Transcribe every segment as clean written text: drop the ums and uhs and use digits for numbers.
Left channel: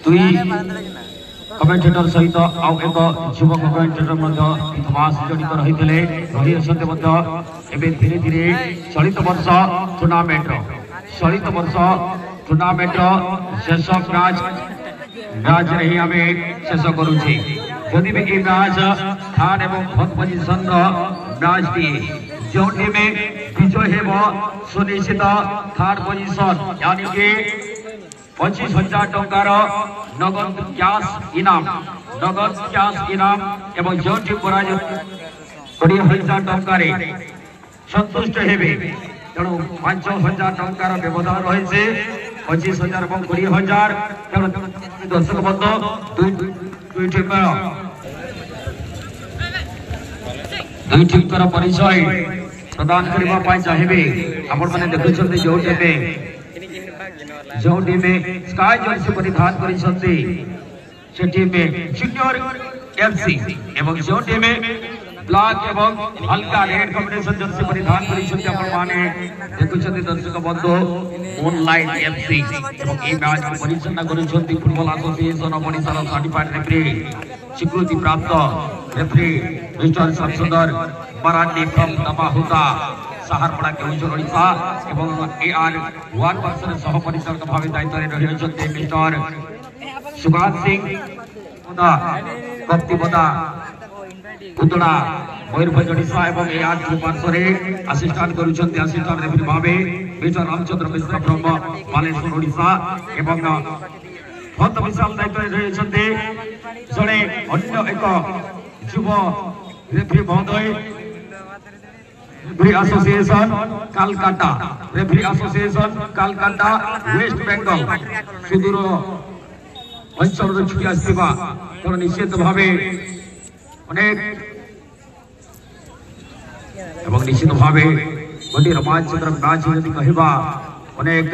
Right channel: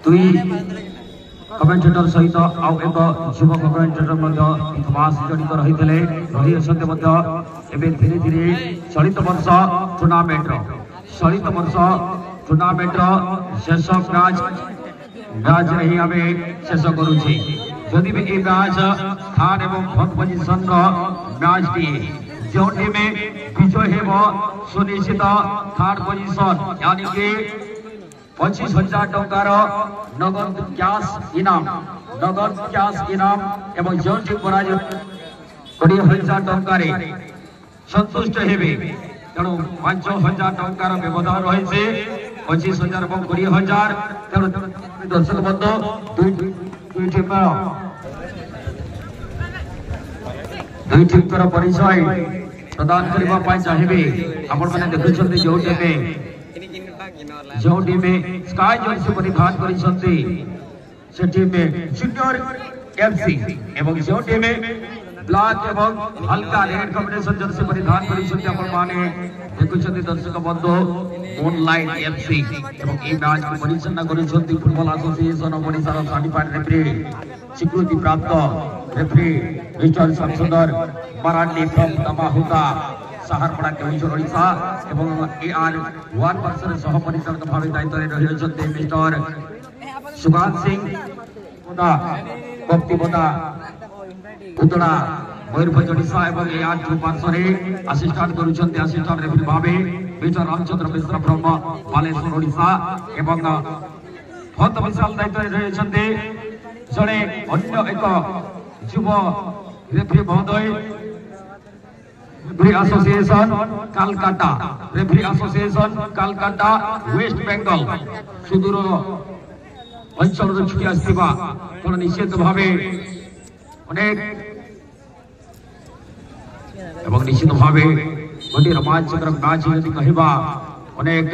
दुई कमेंटेटर सहित आउ एक युवक कमेंटेटर इतिहास जड़ित रही धीरे धीरे चलित वर्ष टूर्नामेंट शेष मैच रही आम शेष करुचे जदि भी ये मैच थर्ड एवं फोर्थ पोजिशन मैच टी जो टीम विजय हो सुनिश्चित थर्ड पोजिशन यानी कि 25,000 टंकार नगद कैश इनाम एवं जो टीम पराजय 20,000 टंकार संतुष्ट हेबे तेणु 5,000 टंकार व्यवधान रही 25,000 और 20,000 दर्शक बंधु दुई टीम परिचय प्रदान करने चाहिए आपण मैंने देखुं जो टीम स्काई जर्सी परिधान करिसंती से टीम जूनियर एफसी एवं जो टीम ब्लैक एवं हल्का रेड कॉम्बिनेशन जर्सी परिधान करिसंती आपण माने देखुछंती दर्शक बंधु ऑनलाइन एफसी एवं ए मैच को परिचालन करिसंती football association of Odisha certified referee स्वीकृति प्राप्त रेफरी मिस्टर संसदर मराठी फ्रॉम तमाहुता सहारपड़ा केउझर ओडिशा एवं एआर 1 वर्षर सह परिचालक भाव दायित्व रही मिस्टर सुगात सिंह कप्तिपदा उतड़ा मयूरभंज ओडिशा एवं एआर 2 वर्षर असिस्टेंट करुछंती असिस्टेंट रेफरी भाव मिस्टर रामचंद्र मिश्र फ्रॉम बालेश्वर ओडिशा एवं बहुत विशाल दायित्व रही जड़े अन्य एक युव रेफरी महोदय referee association Kolkata west Bengal सुदूर अंचल छुटी आसवा तेणु निश्चित भाव अनेक निश्चित भाव गोटे रोमांचकर मैच यदि कहवा अनेक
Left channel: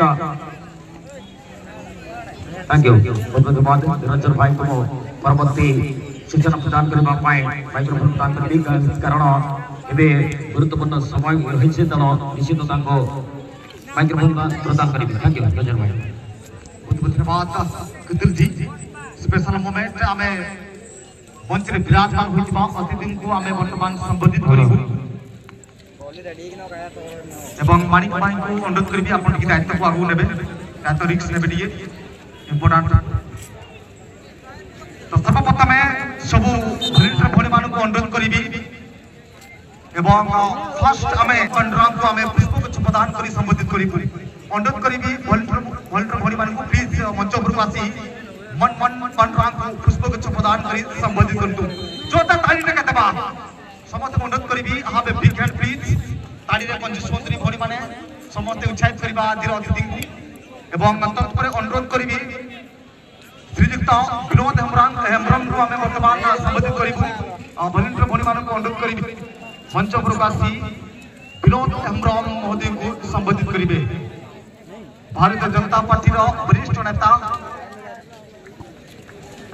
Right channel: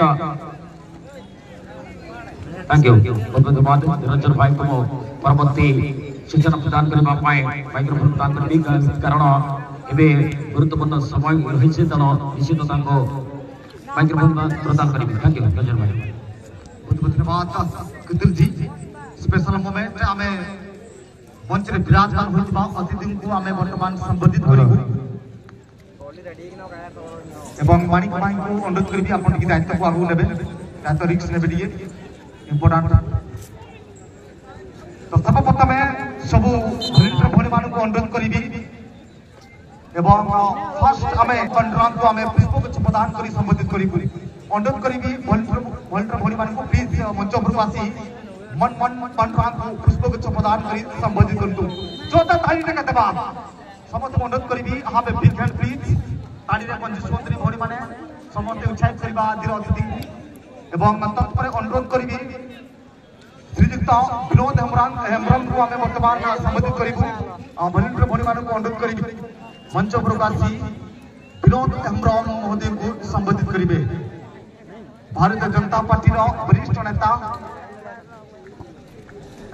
थैंक यू बहुत धन्यवाद निरंजन भाई को परवर्ती सूचना प्रदान करने माइक्रोफोन प्रदान करने कारण एबे गुरुत्वपूर्ण समय रही तेणु निश्चित माइक्रोफोन प्रदान करेंगे थैंक यू रंजन भाई बहुत बहुत धन्यवाद कुतुल जी स्पेशल मोमेंट आमे मंच रे विराजमान होइबा अतिथि को आमे वर्तमान संबोधित करिबु एवं मानिक भाई को अनुरोध करबी आपण की दायित्व को आगु नेबे दायित्व रिक्स नेबे दिए इंपोर्टेंट तो सर्वप्रथम सब वॉलंटियर भणी मान को अनुरोध करबी एवं फर्स्ट आमे कंट्राम को आमे पुष्पगुच्छ प्रदान करी संबोधित करिबु अनुरोध करबी वॉलंटियर भणी मान को प्लीज मंच पर आसी मन कंट्राम को पुष्पगुच्छ प्रदान करी संबोधित करतु जोता ताली ने कहतबा समस्त अनुरोध करबी हां बे बिग हैंड प्लीज ताली रे पंचस्वंतरी भणी माने समस्त उत्साहित करबा आदिर अतिथि एवं तत्पर अनुरोध करबी श्रीयुक्त विनोद हेम्ब्रम को आमे वर्तमान संबोधित करिबु वॉलंटियर भणी मान को अनुरोध करबी मंच प्रकाशी विनोद हेम्ब्रम महोदय को संबोधित करिबे भारतीय जनता पार्टी रो वरिष्ठ नेता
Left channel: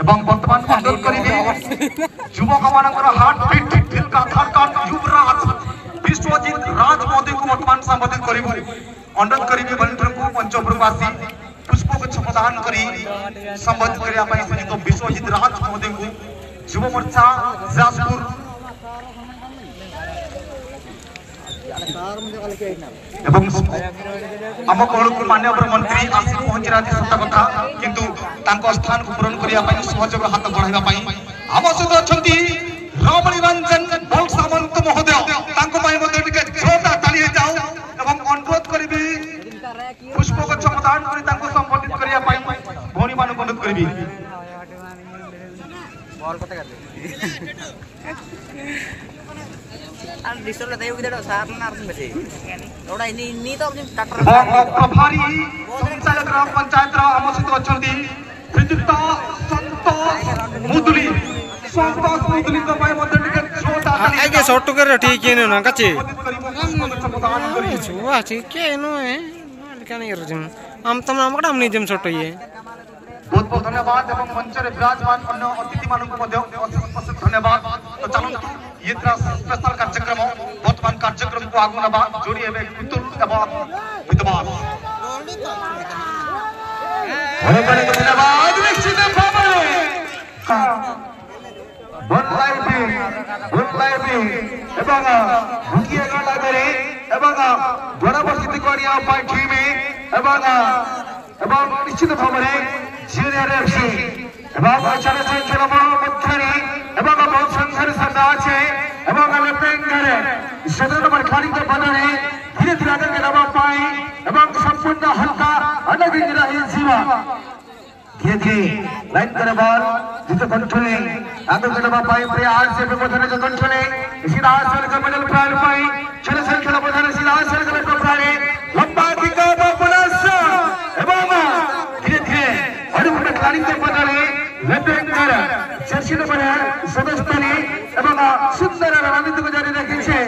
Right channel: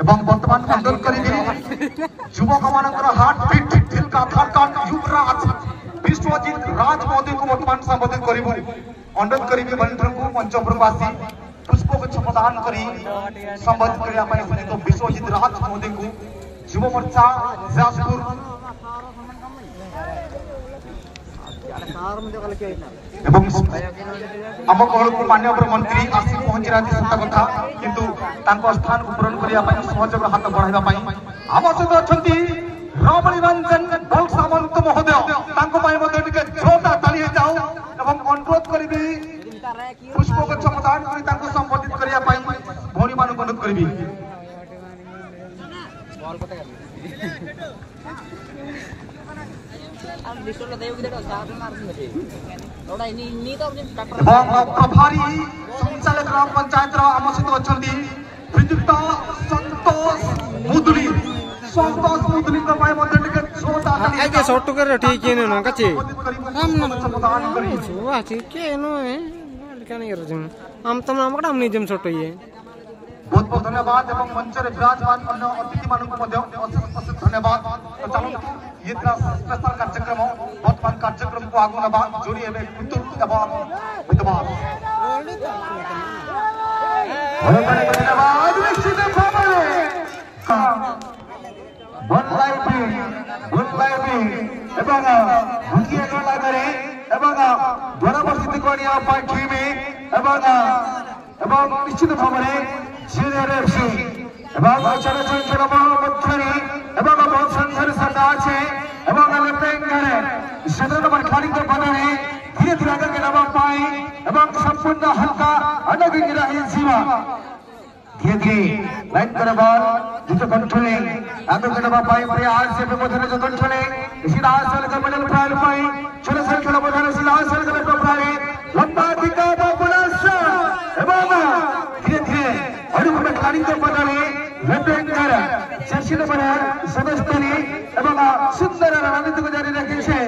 एवं वर्तमान अनुरोध करिबे युवक मानकर हार्ट बीट दिल का धड़कन युवराज विश्वजीत राज महोदय को वर्तमान संबोधित करिबु अनुरोध करिबे वॉलंटियर को मंच प्रकाशी पुष्पगुच्छ प्रदान करी संबोधित करिया पई श्रीयुक्त विश्वजीत राज महोदय को युव मोर्चा जाजपुर एवं आम कहल को माननीय मंत्री आसी पहुंची रहा सत्य कथा किंतु तांको स्थान को पूरण करिया पई सहयोग हाथ बढ़ाइबा पई आम सहित अछंती रमणी रंजन बल सामंत महोदय तांको पई मध्ये टिके जोरदार ताली जाओ एवं अनुरोध करिबी पुष्पगुच्छ प्रदान करी तांको संबोधित करिया पई भौणी मान को अनुरोध करिबी प्रभारी संचालक ग्राम पंचायत आम सहित अछंती श्रीयुक्त संतोष मुदुली को पई मध्ये टिके जोरदार आगे शॉर्ट कर ठीक है ना कच्चे छुआ ठीक है नो है क्या नहीं रजम हम तुम नाम कड़ा हम नहीं जम शॉर्ट है बहुत बहुत धन्यवाद एवं मंच रे विराजमान अन्य अतिथि मान को मध्ये अशेष धन्यवाद तो चलो ये स्पेशल कार्यक्रम वर्तमान कार्यक्रम को आगु नबा जोड़ी हेबे कुतुल एवं विद्वान धन्यवाद निश्चित एवं भुकिया गाला करे एवं बराबर जित कोनिया पाई टीम एवं निश्चित भाव में जूनियर एफसी एवं चले से खेल मध्य एवं बहुत संघर्ष सदा আছে एवं लेफ्टिनेंट सदर नंबर खाली को बनाने धीरे धीरे आगे के दबाव पाए एवं संपूर्ण हल्का अलग ही रही जीवा धीरे धीरे लाइन पर बॉल जिसे कंट्रोलिंग आगे के दबाव पाए प्रयास से व्यवधान जो कंट्रोलिंग सीधा आसल का बदल फाइल पाए चले से खेल व्यवधान सीधा आसल का बदल फाइल लंबा किक बोनस एवं धीरे धीरे हर एक खिलाड़ी को बदले लेफ्टिनेंट जर्सी नंबर सदस्यनी एवं सुंदर रणनीति को जारी रखी है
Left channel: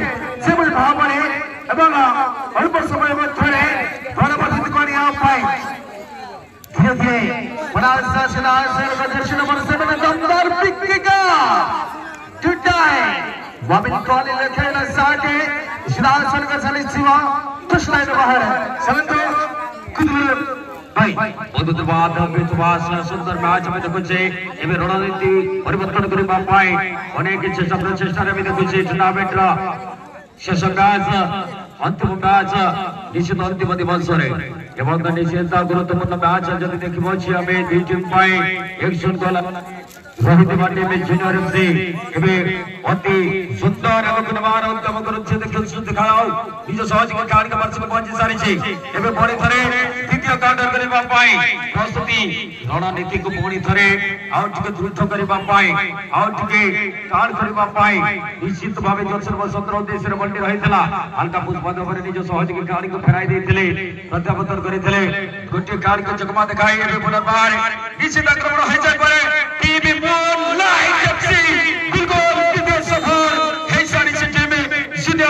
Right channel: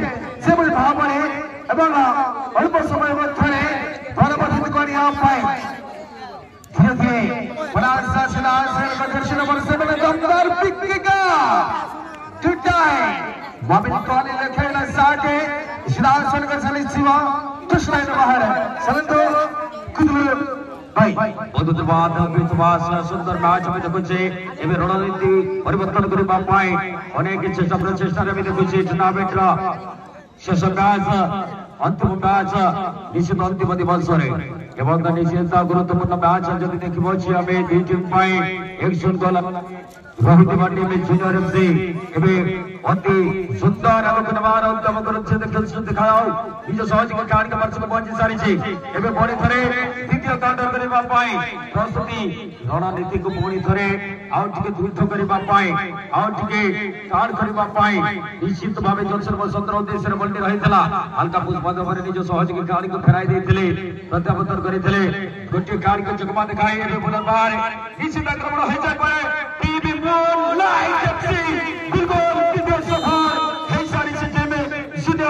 सेबल भाव में एवं अल्प समय मध्य बराबर जित कोनिया पाए धीरे धीरे बड़ा सा सीधा आसल का जर्सी नंबर 7 दमदार पिक का टूटा है वाबिन कॉली लेखेला साटे सीधा आसल का चली जीवा टच लाइन बाहर सलंतो कुदल भाई बहुत सुंदर मैच में देखुचे एबे रणनीति परिवर्तन करि पाए अनेक चेष्टा प्रचेष्टा रे देखुचे टूर्नामेंट रा शेष मैच अंतिम मैच निश्चित अंतिम दिवस रे एवं निश्चित गुरुत्वपूर्ण मैच जदि देखिबो छी हमें दुई टीम पाए 1-0 गोल रोहित मांडी में जूनियर एफसी एबे अति सुंदर अवगुणवार उत्तम गुरुत्व खेल दिखाओ निज सहयोगी कार्य के वर्ष में पहुंच सारी छी एबे बड़ी थरे द्वितीय काउंटर करबा पाए प्रस्तुति रणनीति को बड़ी थरे आउट के द्रुत करबा पाए आउट के कान करबा पाए निश्चित भावे जोसर वसंतर उद्देश्य रे बल्टी रहितला हल्का पुष्पद पर निज सहयोगी कार्य को फेराई देथिले प्रत्यावर्तन करिथिले गोटे कार्य को चकमा दिखाई एबे पुनर्बार निश्चित आक्रमण होय जाय परे टीवी लाइक एफसी गोल की सफर है सारी सिटी में सीधे